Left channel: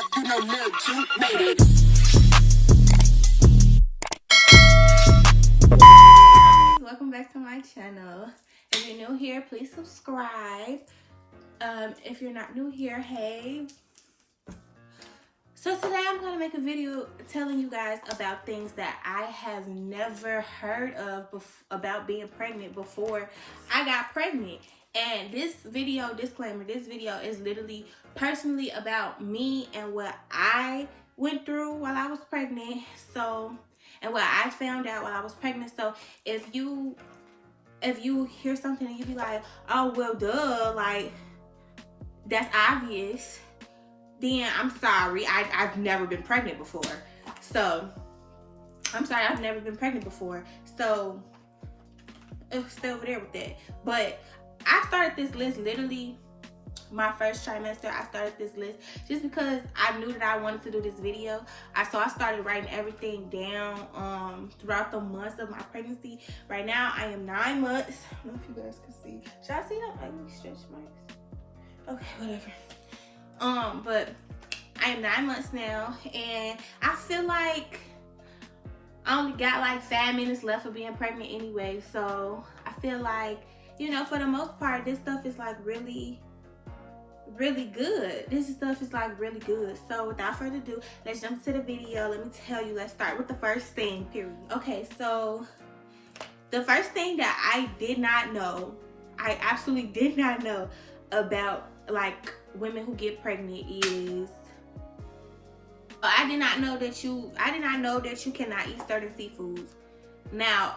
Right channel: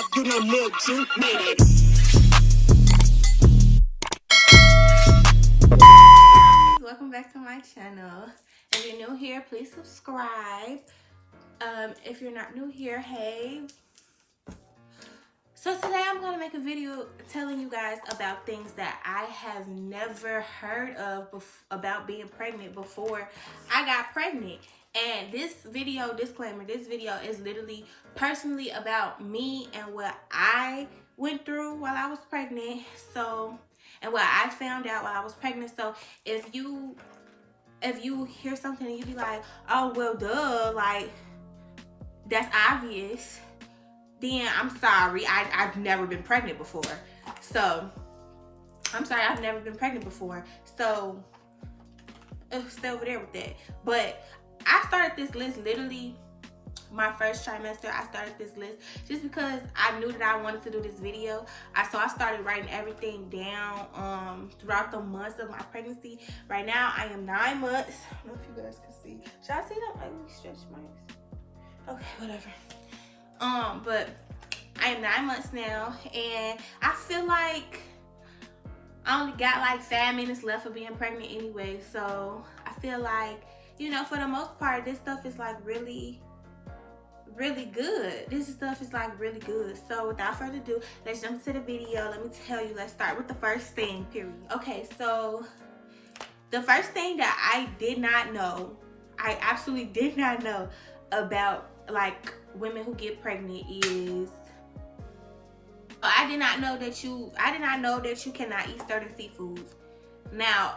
vibe, you know Lil Juke made it. Welcome back to my channel. If you're new here, please subscribe. If you're not new here, hey. So today I'm going to make a video telling you guys about things that I have never heard of about being pregnant before I got pregnant. And this video, disclaimer, this video is literally personally about me and what I went through while I was pregnant. So, and what I found out while I was pregnant. So if you hear something and you be like, oh, well, duh, like, that's obvious, then I'm sorry. I've never been pregnant before. So, I'm sorry, I've never been pregnant before. So, stay over there with that. But I started this list literally my first trimester. I started this list just because I knew that I wanted to do this video. So I started writing everything down throughout the months of my pregnancy. Right now, I am 9 months. I don't know if you guys can see. Should I see that ugly stretch marks? Okay, whatever. But I am 9 months now, and I feel like I only got like 5 minutes left of being pregnant anyway. So I feel like, you know, for the most part, this stuff is like really good. This stuff is like really good. So without further ado, let's jump to the video. Let me tell you, let's start with the first thing, period. Okay, so the first thing that I did not know, I absolutely did not know about like women who get pregnant is I did not know that you cannot eat certain seafoods. Now,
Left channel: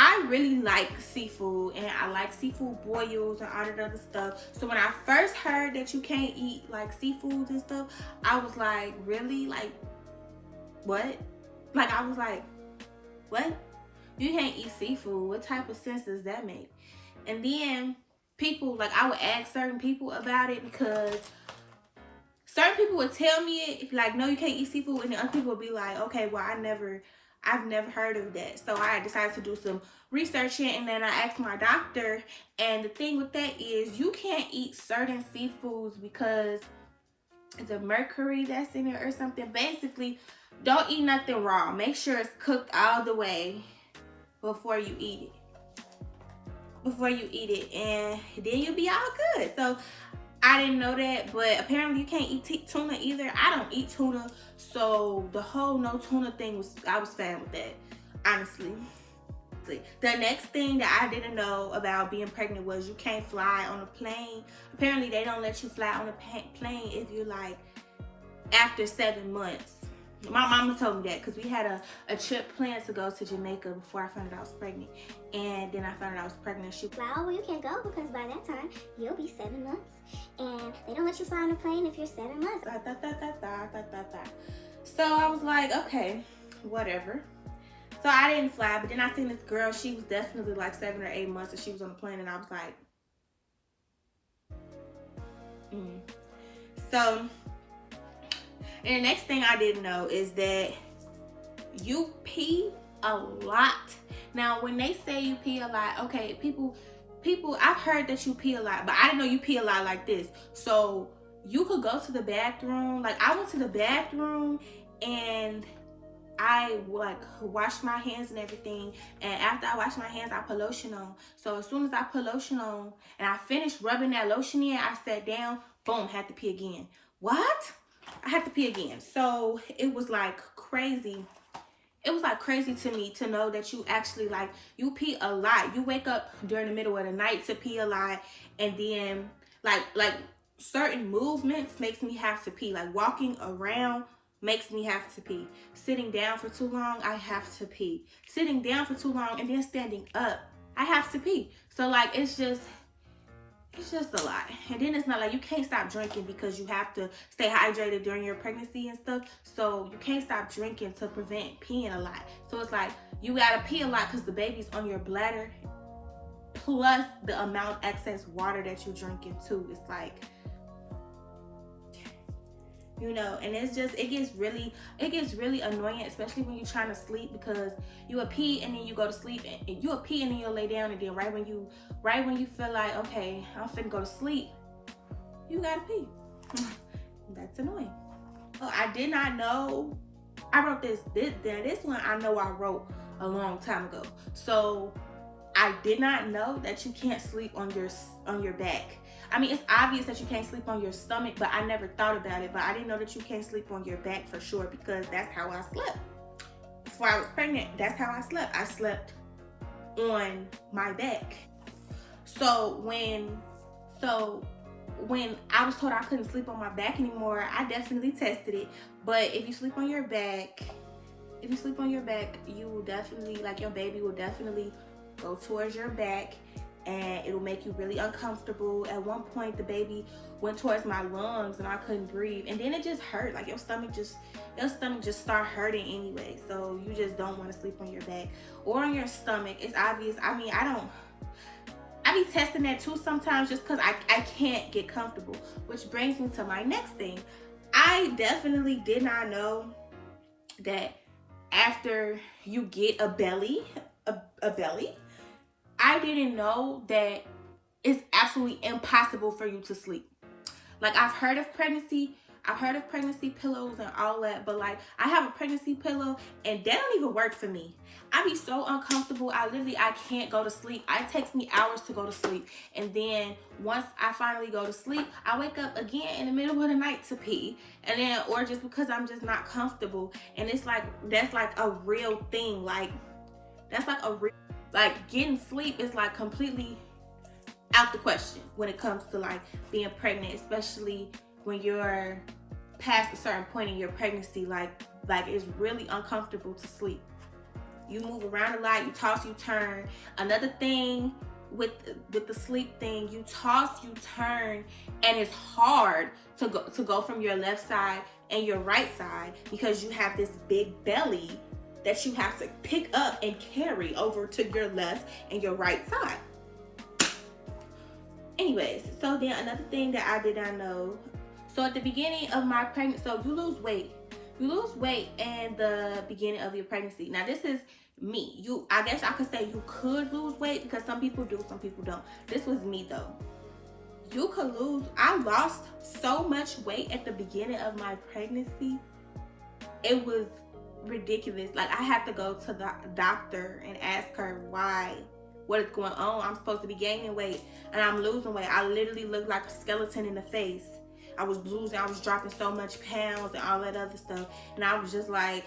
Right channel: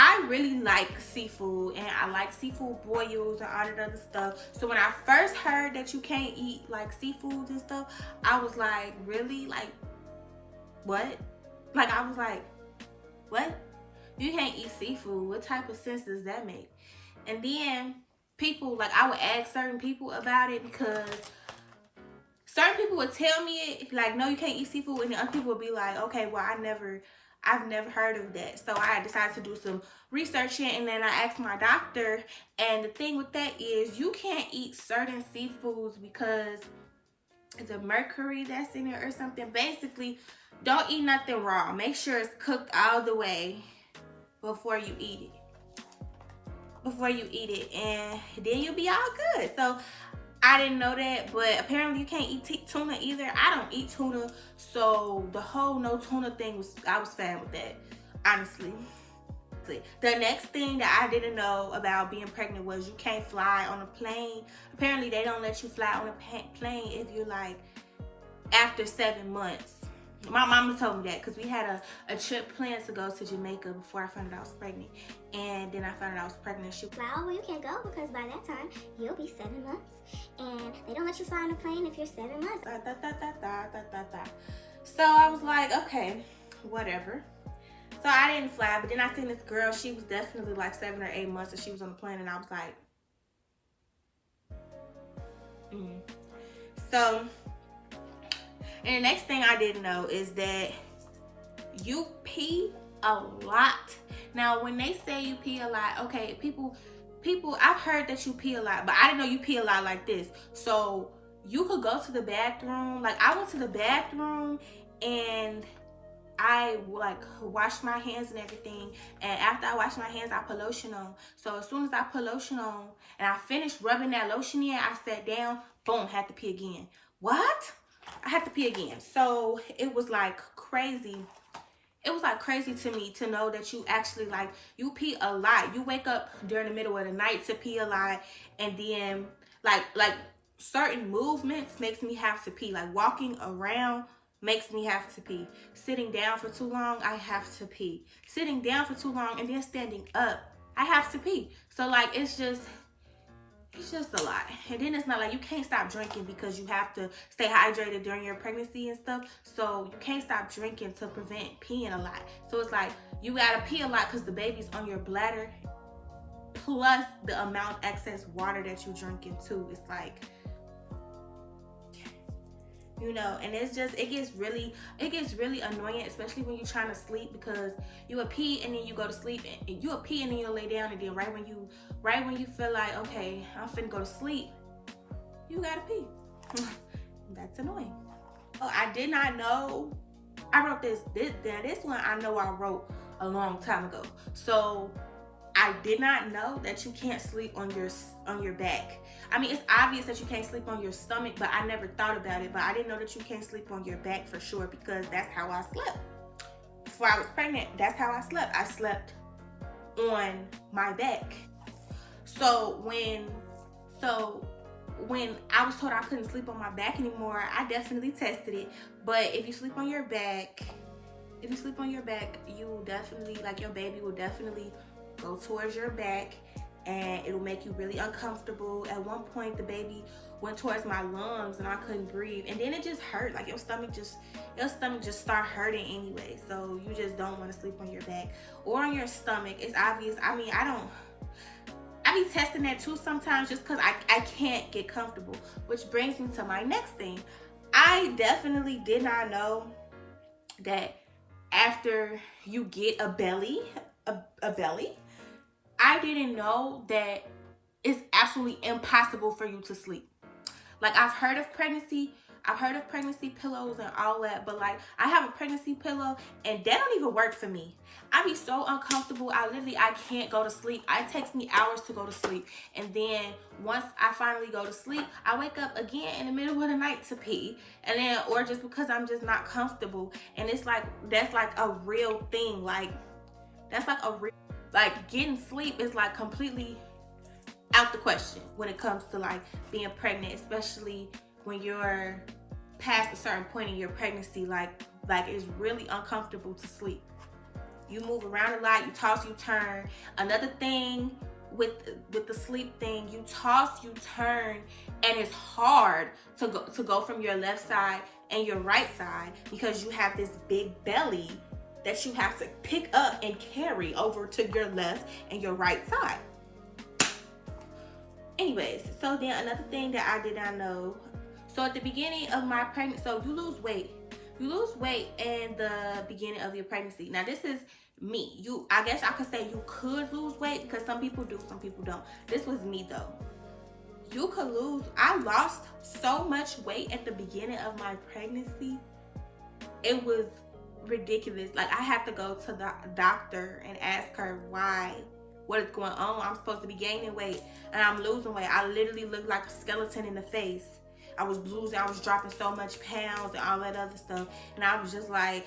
I really like seafood, and I like seafood boils and all that other stuff. So when I first heard that you can't eat like seafoods and stuff, I was like, really? Like, what? Like, I was like, what? You can't eat seafood? What type of sense does that make? And then people, like, I would ask certain people about it because certain people would tell me it, like, no, you can't eat seafood, and the other people would be like, okay, well, I've never heard of that. So I decided to do some researching, and then I asked my doctor, and the thing with that is you can't eat certain seafoods because the mercury that's in it or something. Basically, don't eat nothing raw. Make sure it's cooked all the way before you eat it. And then you'll be all good. So I didn't know that, but apparently you can't eat tuna either. I don't eat tuna, so the whole no tuna thing I was fine with that, honestly. The next thing that I didn't know about being pregnant was you can't fly on a plane. Apparently they don't let you fly on a plane if you're like after 7 months. My mama told me that because we had a trip planned to go to Jamaica before I found out I was pregnant. And then I found out I was pregnant. Well, you can't go because by that time, you'll be 7 months. And they don't let you fly on a plane if you're 7 months. So I was like, okay, whatever. So I didn't fly, but then I seen this girl. She was definitely like 7 or 8 months and she was on the plane, and I was like, So, and the next thing I didn't know is that you pee a lot. Now, when they say you pee a lot, okay, people, I've heard that you pee a lot, but I didn't know you pee a lot like this. So you could go to the bathroom. Like, I went to the bathroom and I like washed my hands and everything. And after I washed my hands, I put lotion on. So as soon as I put lotion on and I finished rubbing that lotion in, I sat down, boom, had to pee again. What? I had to pee again. So it was like crazy. It was like crazy to me to know that you actually like, you pee a lot. You wake up during the middle of the night to pee a lot. And then like certain movements makes me have to pee. Like walking around makes me have to pee. Sitting down for too long, I have to pee. Sitting down for too long and then standing up, I have to pee. So like, it's just a lot. And then it's not like you can't stop drinking because you have to stay hydrated during your pregnancy and stuff. So you can't stop drinking to prevent peeing a lot. So it's like you gotta pee a lot because the baby's on your bladder, plus the amount of excess water that you're drinking too. It's like, you know, and it's just, it gets really annoying, especially when you're trying to sleep, because you will pee and then you go to sleep, and you will pee and then you'll lay down, and then right when you feel like, okay, I'm finna go to sleep, you gotta pee. That's annoying. Oh, I did not know. I wrote this one I know I wrote a long time ago. So I did not know that you can't sleep on your back. I mean, it's obvious that you can't sleep on your stomach, but I never thought about it. But I didn't know that you can't sleep on your back for sure, because that's how I slept. Before I was pregnant, that's how I slept. I slept on my back. So when I was told I couldn't sleep on my back anymore, I definitely tested it. But if you sleep on your back, you will definitely, like, your baby will definitely go towards your back, and it'll make you really uncomfortable. At one point, the baby went towards my lungs and I couldn't breathe, and then it just hurt. Like, your stomach just start hurting anyway. So you just don't want to sleep on your back or on your stomach. It's obvious. I mean, I be testing that too sometimes, just because I can't get comfortable. Which brings me to my next thing. I definitely did not know that after you get a belly, I didn't know that it's absolutely impossible for you to sleep. Like, I've heard of pregnancy pillows and all that, but like, I have a pregnancy pillow and that don't even work for me. I be so uncomfortable. I can't go to sleep. It takes me hours to go to sleep. And then once I finally go to sleep, I wake up again in the middle of the night to pee. And then, or just because I'm just not comfortable. And it's like, that's like a real thing. Like, that's like a real, like, getting sleep is like completely out the question when it comes to like being pregnant, especially when you're past a certain point in your pregnancy. Like it's really uncomfortable to sleep. You move around a lot, you toss, you turn. Another thing with the sleep thing, you toss, you turn, and it's hard to go from your left side and your right side, because you have this big belly that you have to pick up and carry over to your left and your right side. Anyways, so then another thing that I did not know. So at the beginning of my pregnancy, so you lose weight. You lose weight in the beginning of your pregnancy. Now, this is me. I guess I could say you could lose weight, because some people do, some people don't. This was me though. You could lose. I lost so much weight at the beginning of my pregnancy. It was ridiculous. Like, I had to go to the doctor and ask her what is going on. I'm supposed to be gaining weight and I'm losing weight. I literally looked like a skeleton in the face. I was dropping so much pounds and all that other stuff. And I was just like,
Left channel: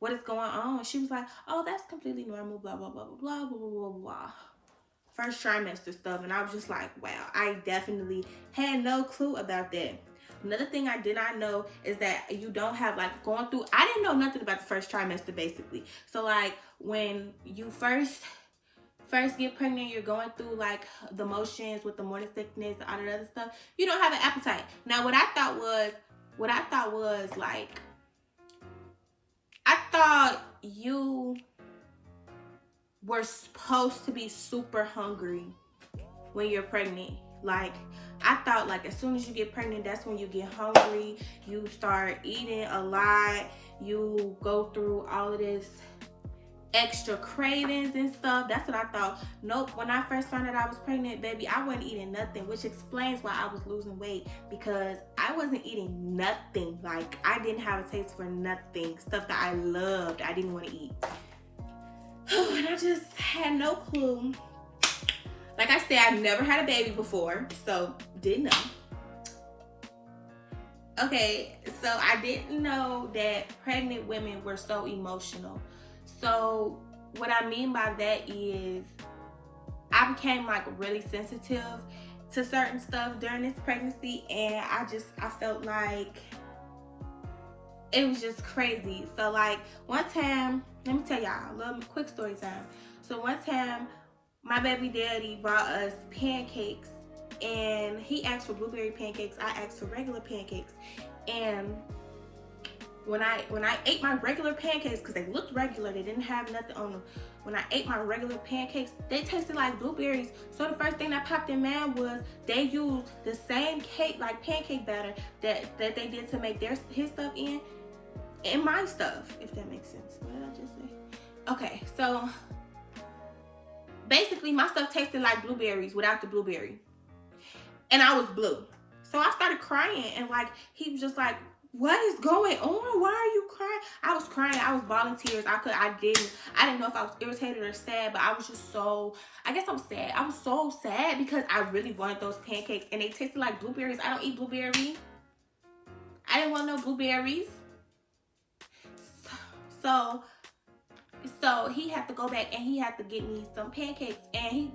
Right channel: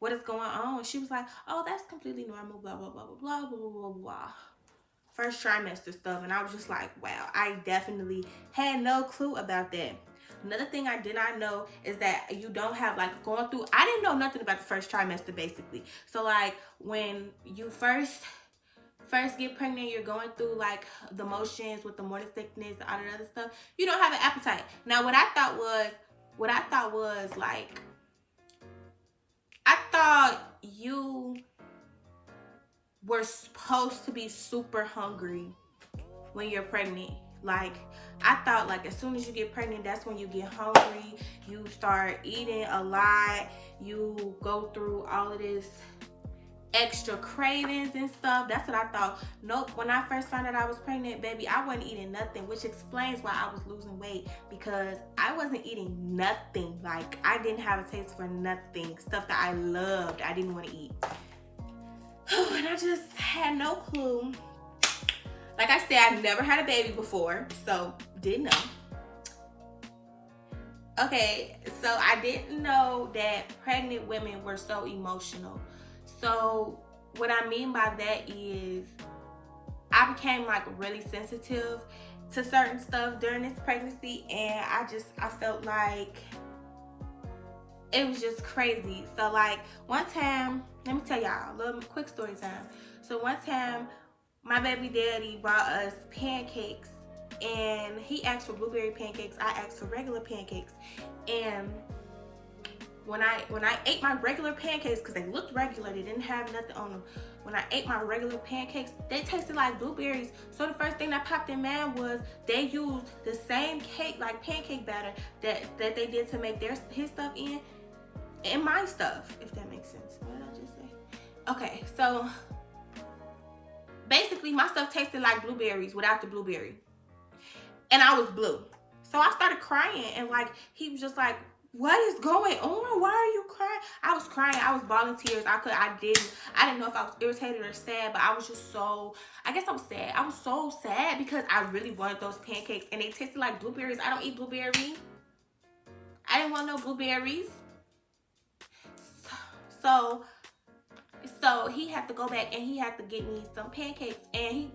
what is going on? She was like, oh, that's completely normal, blah, blah, blah, blah, blah, blah, blah, blah. First trimester stuff. And I was just like, wow, I definitely had no clue about that. Another thing I did not know is that you don't have, like, going through, I didn't know nothing about the first trimester, basically. So, like, when you first get pregnant, you're going through like the motions with the morning sickness, all that other stuff. You don't have an appetite. Now, what I thought was like, I thought you were supposed to be super hungry when you're pregnant. Like, I thought, like, as soon as you get pregnant, that's when you get hungry. You start eating a lot. You go through all of this extra cravings and stuff. That's what I thought. Nope. When I first found out I was pregnant, baby, I wasn't eating nothing, which explains why I was losing weight, because I wasn't eating nothing. Like, I didn't have a taste for nothing. Stuff that I loved, I didn't want to eat. And I just had no clue. Like I said, I've never had a baby before, so didn't know. Okay, so I didn't know that pregnant women were so emotional. So what I mean by that is I became like really sensitive to certain stuff during this pregnancy, and I felt like it was just crazy. So like one time, let me tell y'all a little quick story time. So one time my baby daddy brought us pancakes, and he asked for blueberry pancakes. I asked for regular pancakes. And when I ate my regular pancakes, because they looked regular, they didn't have nothing on them. When I ate my regular pancakes, they tasted like blueberries. So the first thing that popped in mind was they used the same cake, like pancake batter that they did to make his stuff in my stuff, if that makes sense. What did I just say? Okay, so basically my stuff tasted like blueberries without the blueberry. And I was blue. So I started crying, and like he was just like, what is going on? Why are you crying? I was crying. I was bawling tears. I didn't know if I was irritated or sad, but I was just so, I guess I was sad. I was so sad because I really wanted those pancakes and they tasted like blueberries. I don't eat blueberries. I didn't want no blueberries. So he had to go back and he had to get me some pancakes, and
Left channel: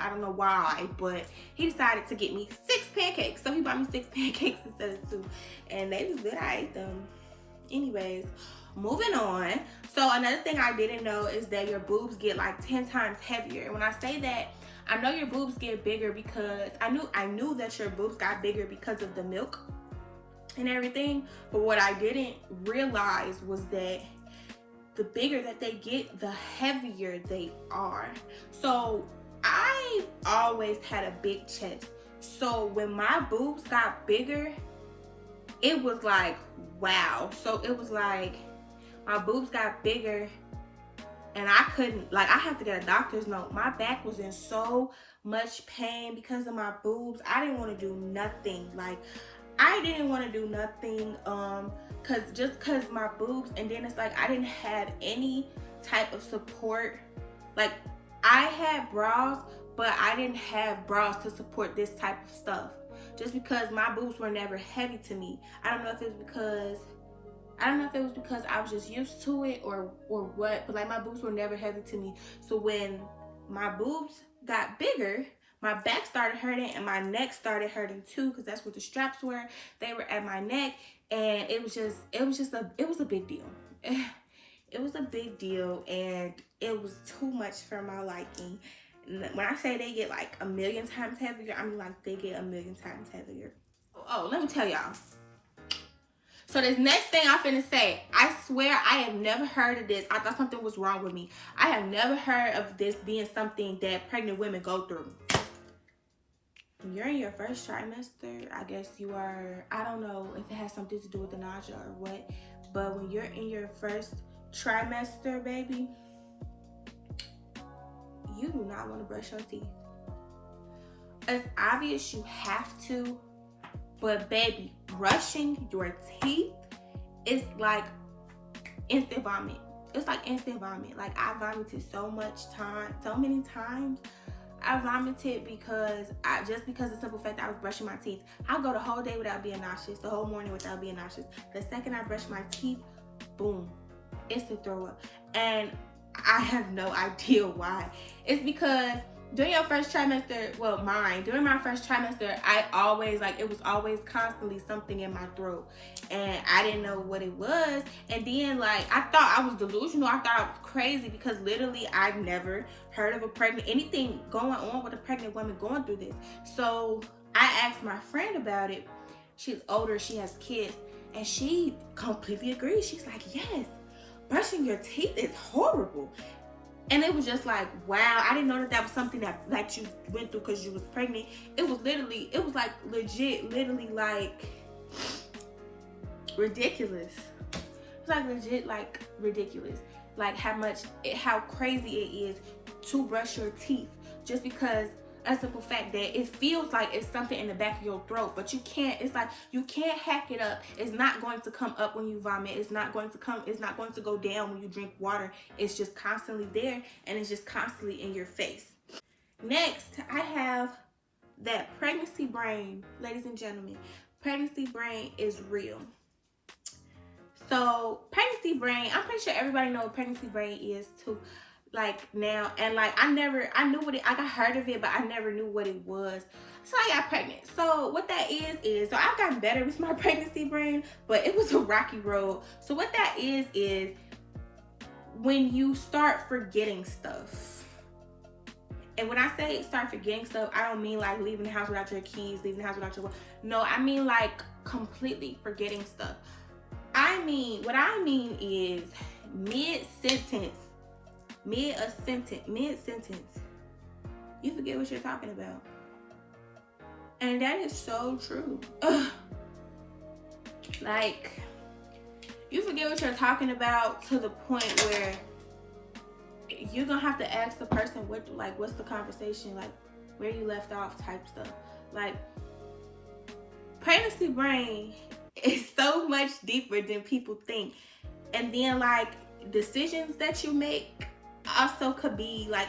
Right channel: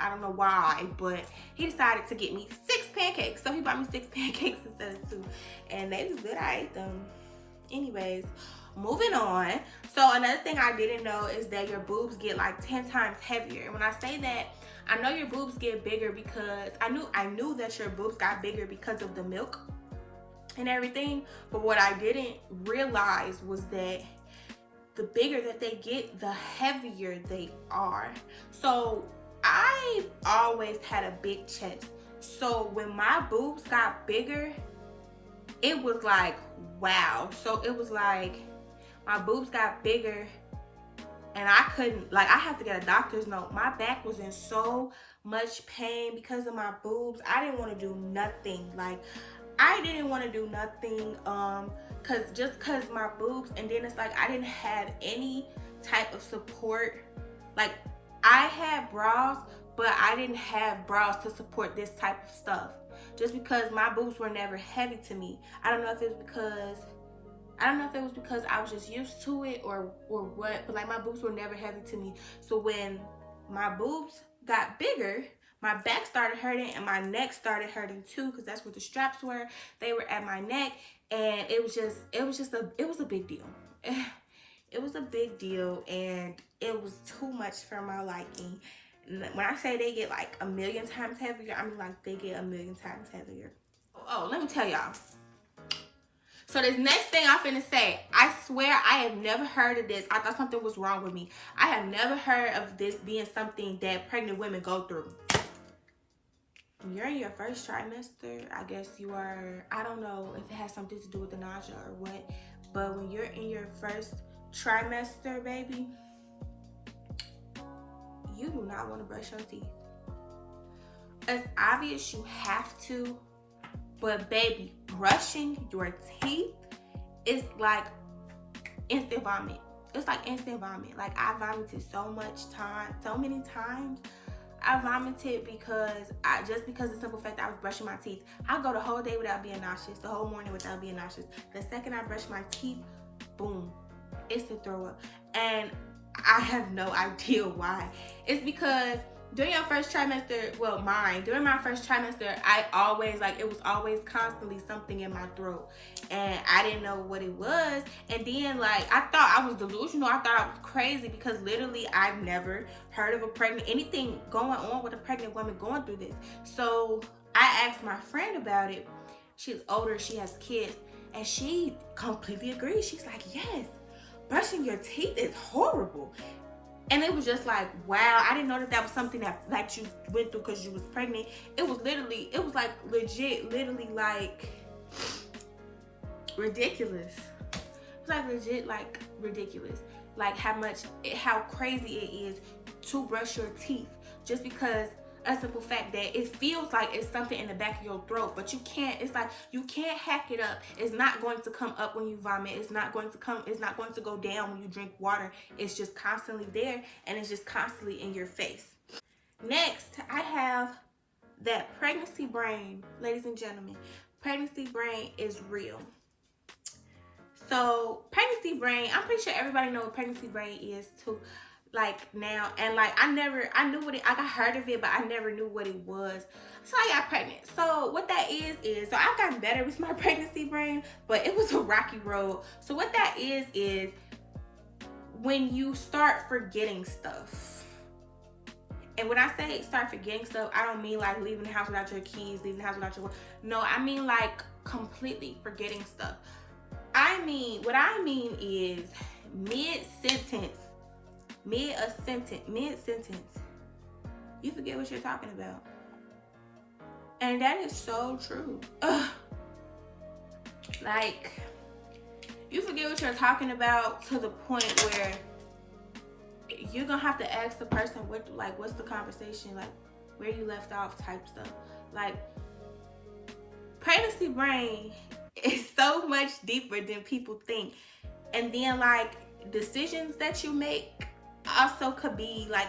I don't know why, but he decided to get me 6 pancakes. So he bought me 6 pancakes instead of 2. And they was good. I ate them. Anyways, moving on. So another thing I didn't know is that your boobs get like 10 times heavier. And when I say that, I know your boobs get bigger because I knew that your boobs got bigger because of the milk and everything. But what I didn't realize was that the bigger that they get, the heavier they are. So I've always had a big chest. So when my boobs got bigger, it was like, wow. So it was like my boobs got bigger and I couldn't, like, I have to get a doctor's note. My back was in so much pain because of my boobs. I didn't want to do nothing. Like, I didn't want to do nothing cause my boobs, and then it's like I didn't have any type of support. Like, I had bras, but I didn't have bras to support this type of stuff. Just because my boobs were never heavy to me. I don't know if it was because I was just used to it or what, but like my boobs were never heavy to me. So when my boobs got bigger, my back started hurting and my neck started hurting too, because that's where the straps were. They were at my neck, and it was a big deal. It was a big deal, and it was too much for my liking. When I say they get like 1,000,000 times heavier, I mean like they get 1,000,000 times heavier. Oh, let me tell y'all. So this next thing I'm finna say, I swear I have never heard of this. I thought something was wrong with me. I have never heard of this being something that pregnant women go through. When you're in your first trimester, I guess you are, I don't know if it has something to do with the nausea or what, but when you're in your first trimester, baby, you do not want to brush your teeth. It's obvious you have to, but baby, brushing your teeth is like instant vomit. It's like instant vomit. Like, I vomited so many times. I vomited because because of the simple fact that I was brushing my teeth. I'll go the whole day without being nauseous, the whole morning without being nauseous. The second I brush my teeth, boom, it's a throw up. And I have no idea why. It's because during your first trimester, during my first trimester, I always, like, it was always constantly something in my throat. And I didn't know what it was. And then, like, I thought I was delusional. I thought I was crazy because literally I've never heard of anything going on with a pregnant woman going through this. So I asked my friend about it. She's older, she has kids, and she completely agrees. She's like, yes, brushing your teeth is horrible. And it was just like, wow, I didn't know that was something that you went through because you was pregnant. It was literally like ridiculous. It's like legit, like ridiculous. Like how crazy it is to brush your teeth just because a simple fact that it feels like it's something in the back of your throat, but you can't, it's like you can't hack it up. It's not going to come up when you vomit. It's not going to go down when you drink water. It's just constantly there, and it's just constantly in your face. Next, I have that pregnancy brain. Ladies and gentlemen, pregnancy brain is real. So pregnancy brain, I'm pretty sure everybody knows what pregnancy brain is too. Like now, and like I got heard of it, but I never knew what it was. So I got pregnant. So what that is so I've gotten better with my pregnancy brain, but it was a rocky road. So what that is when you start forgetting stuff. And when I say start forgetting stuff, I don't mean like leaving the house without your keys, leaving the house without your, no, I mean like completely forgetting stuff. What I mean is mid-sentence, you forget what you're talking about. And that is so true. Ugh. Like, you forget what you're talking about to the point where you're gonna have to ask the person what's the conversation, like where you left off type stuff. Like, pregnancy brain is so much deeper than people think. And then like decisions that you make also could be like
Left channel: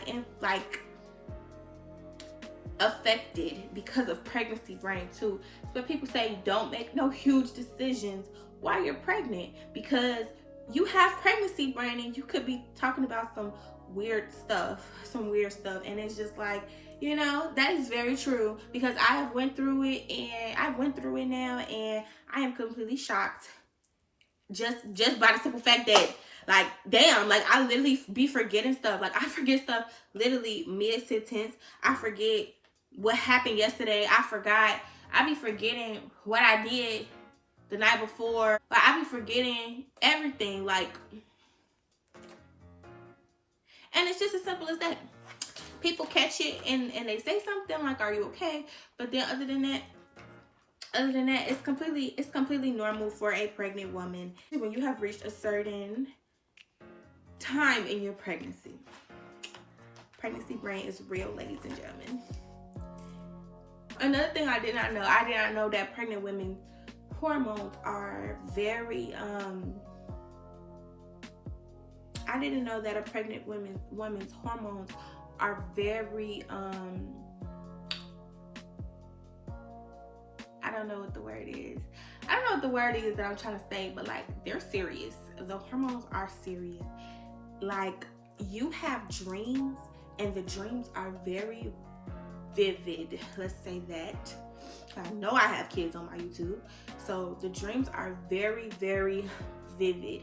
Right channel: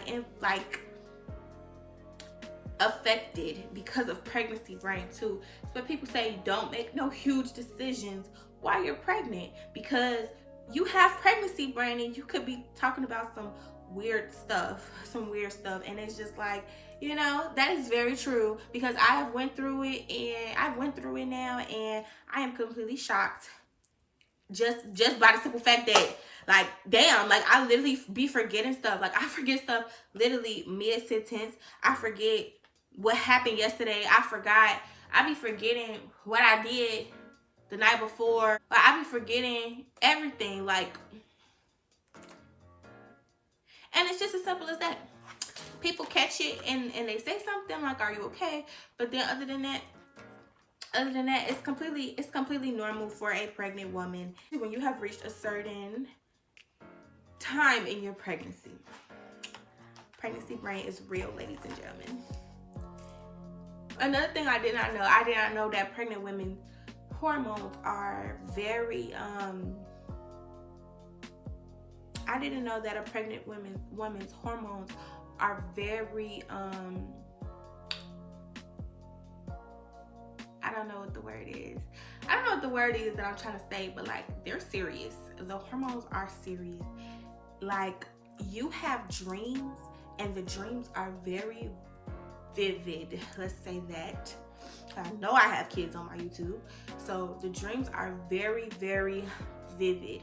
affected because of pregnancy brain too. So people say don't make no huge decisions while you're pregnant, because you have pregnancy brain and you could be talking about some weird stuff, and it's just like, you know, that is very true, because I have went through it now, and I am completely shocked just by the simple fact that, like, damn, like I literally be forgetting stuff. Like I forget stuff literally mid-sentence. I forget what happened yesterday. I be forgetting what I did the night before. Like I be forgetting everything. Like, and it's just as simple as that. People catch it and they say something like, "Are you okay?" But then other than that, it's completely normal for a pregnant woman. When you have reached a certain time in your pregnancy brain is real, ladies and gentlemen. Another thing I did not know that pregnant women's hormones are very I didn't know that a pregnant woman's hormones are very I don't know what the word is. I don't know what the word is that I'm trying to say, but like they're serious. The hormones are serious. Like you have dreams, and the dreams are very vivid. Let's say that. I know I have kids on my YouTube, so the dreams are very, very vivid.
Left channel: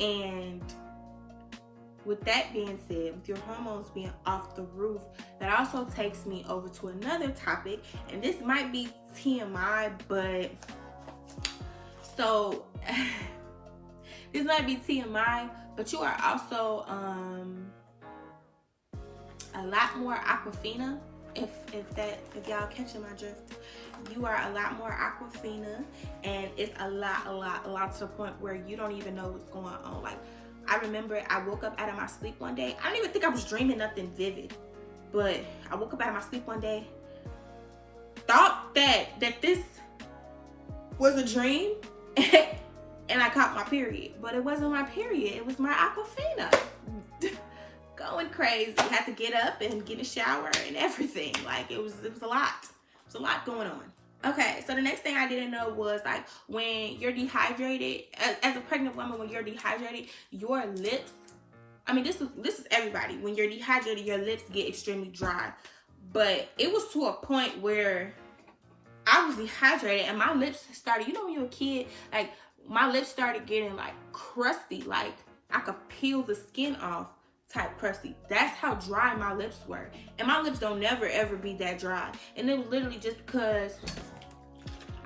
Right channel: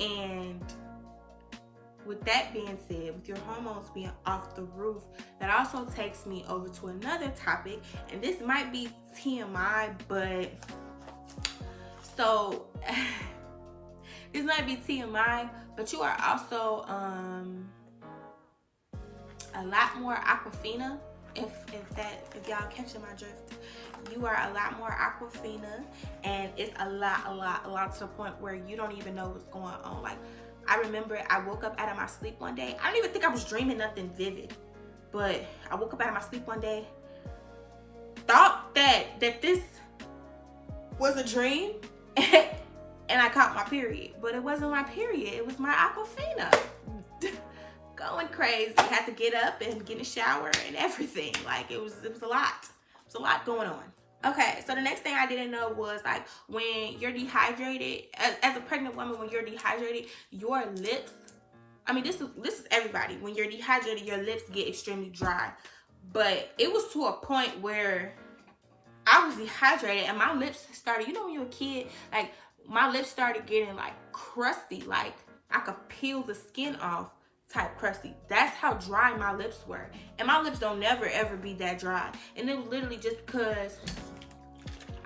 And with that being said, with your hormones being off the roof, that also takes me over to another topic, and this might be TMI, but so this might be TMI, but you are also a lot more Aquafina. If y'all catching my drift, you are a lot more Aquafina, and it's a lot to the point where you don't even know what's going on. Like I remember I woke up out of my sleep one day. I don't even think I was dreaming nothing vivid, but I woke up out of my sleep one day, thought that this was a dream, and I caught my period. But it wasn't my period, it was my Aquafina. Going crazy. Had to get up and get a shower and everything. Like it was a lot. It's a lot going on. Okay, so the next thing I didn't know was like when you're dehydrated, as a pregnant woman, when you're dehydrated, your lips, I mean this is everybody. When you're dehydrated, your lips get extremely dry. But it was to a point where I was dehydrated and my lips started, you know when you're a kid, like my lips started getting like crusty, like I could peel the skin off type crusty. That's how dry my lips were. And my lips don't never ever be that dry. And it was literally just because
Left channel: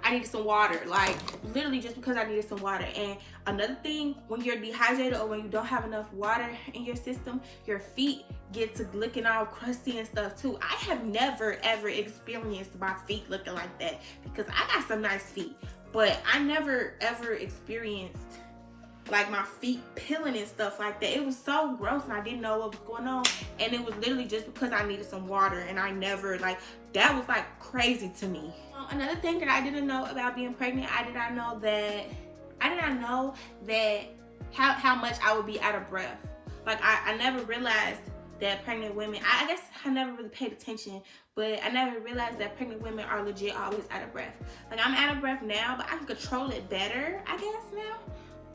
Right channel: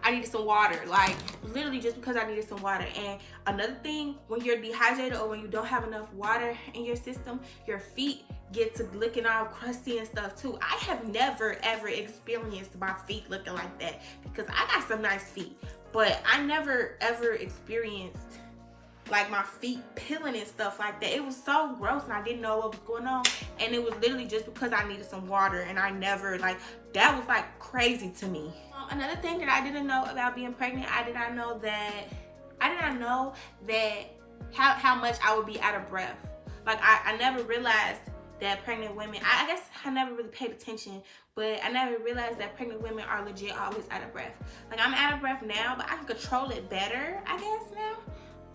I needed some water. Like literally just because I needed some water. And another thing, when you're dehydrated or when you don't have enough water in your system, your feet get to looking all crusty and stuff too. I have never ever experienced my feet looking like that because I got some nice feet, but I never ever experienced like my feet peeling and stuff like that. It was so gross and I didn't know what was going on, and it was literally just because I needed some water, and I never, like, that was like crazy to me. Another thing that I didn't know about being pregnant, I did not know that how much I would be out of breath. Like I never realized that pregnant women, I guess I never really paid attention, but I never realized that pregnant women are legit always out of breath. Like I'm out of breath now, but I can control it better, I guess, now.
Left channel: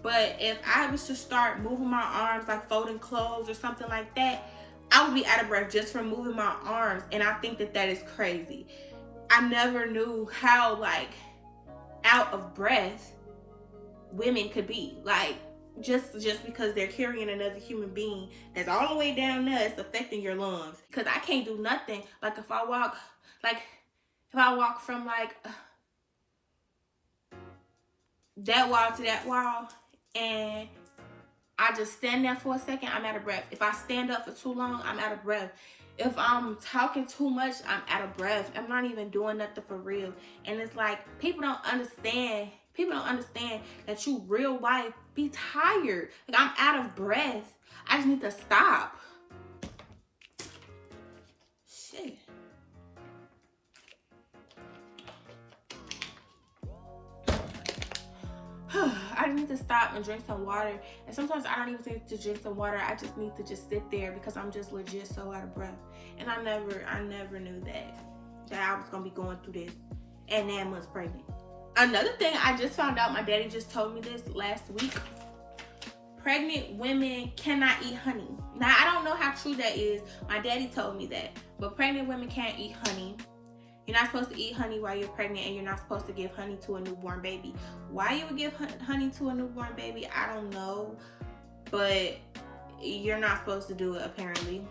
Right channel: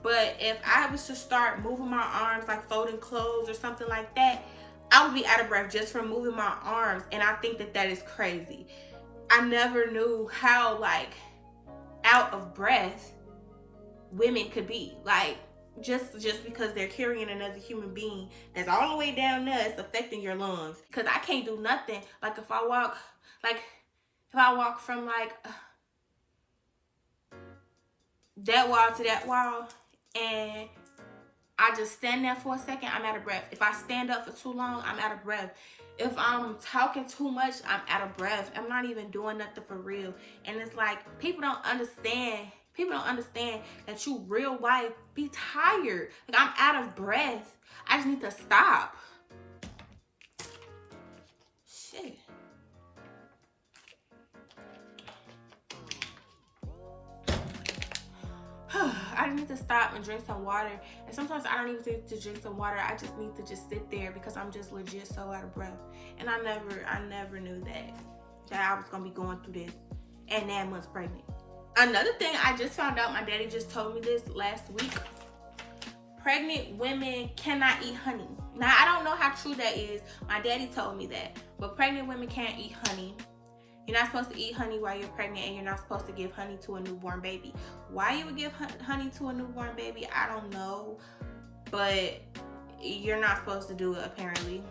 But if I was to start moving my arms, like folding clothes or something like that, I would be out of breath just from moving my arms. And I think that is crazy. I never knew how, like, out of breath women could be. Like, just because they're carrying another human being that's all the way down there, it's affecting your lungs. Because I can't do nothing. Like, if I walk from, like, that wall to that wall, and I just stand there for a second, I'm out of breath. If I stand up for too long, I'm out of breath. If I'm talking too much, I'm out of breath. I'm not even doing nothing for real. And it's like, people don't understand that you real life be tired. Like, I'm out of breath. I just need to stop. Shit. I just need to stop and drink some water. And sometimes I don't even need to drink some water. I just need to just sit there because I'm just legit so out of breath. And I never knew that I was gonna be going through this at 9 months pregnant. Another thing I just found out, my daddy just told me this last week. Pregnant women cannot eat honey. Now, I don't know how true that is. My daddy told me that. But pregnant women can't eat honey. You're not supposed to eat honey while you're pregnant, and you're not supposed to give honey to a newborn baby. Why you would give honey to a newborn baby, I don't know. But you're not supposed to do it, apparently.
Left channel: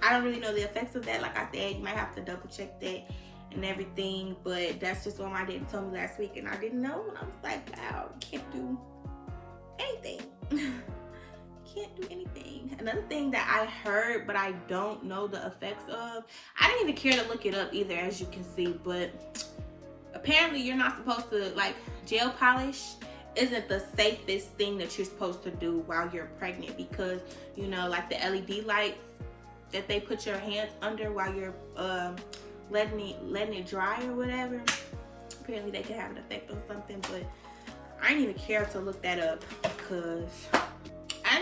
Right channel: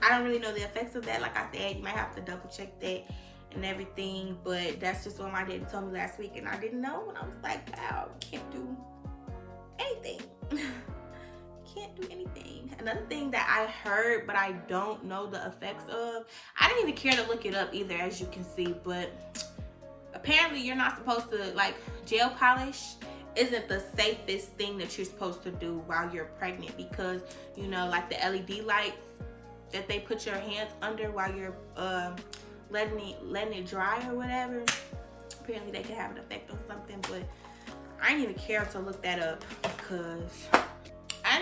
I don't really know the effects of that. Like I said, you might have to double check that and everything, but that's just what my daddy told me last week, and I didn't know, and I was like, wow, can't do anything. Can't do anything. Another thing that I heard but I don't know the effects of, I didn't even care to look it up either, as you can see, but apparently you're not supposed to, like, gel polish isn't the safest thing that you're supposed to do while you're pregnant, because, you know, like the LED lights that they put your hands under while you're letting it dry or whatever, apparently they can have an effect on something. But I didn't even care to look that up because I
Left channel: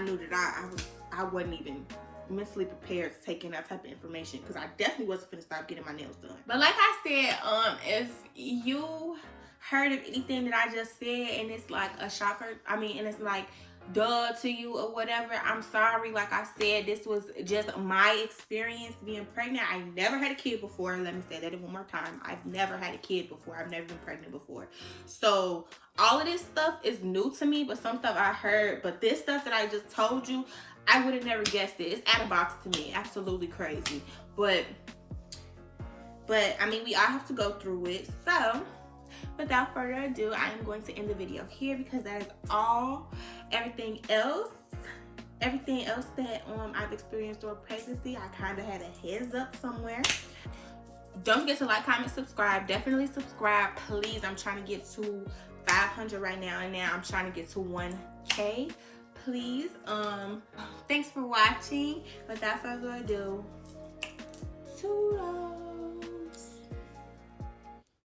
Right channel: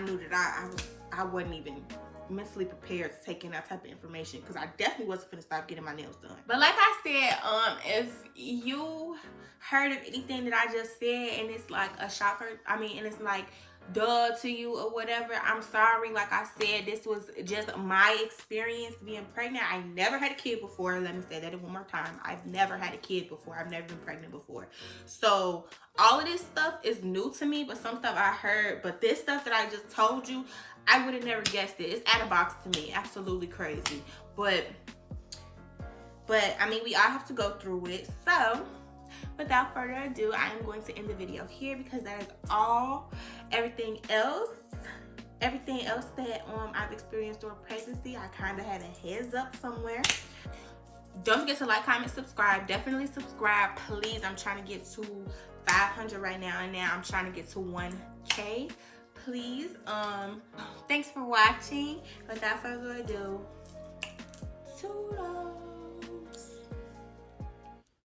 knew that I wasn't even mentally prepared to take in that type of information, because I definitely wasn't gonna stop getting my nails done. But like I said, if you heard of anything that I just said and it's like a shocker, and it's like duh to you or whatever, I'm sorry. Like I said, this was just my experience being pregnant. I never had a kid before. Let me say that one more time. I've never had a kid before. I've never been pregnant before. So all of this stuff is new to me, but some stuff I heard. But this stuff that I just told you, I would have never guessed it. It's out of box to me. Absolutely crazy. But I mean, we all have to go through it. So without further ado, I am going to end the video here, because that is all. Everything else that I've experienced during pregnancy, I kind of had a heads up somewhere. Don't forget to like, comment, subscribe. Definitely subscribe, please. I'm trying to get to 500 right now, and now I'm trying to get to 1K. Please. Thanks for watching. Without further ado, toodles.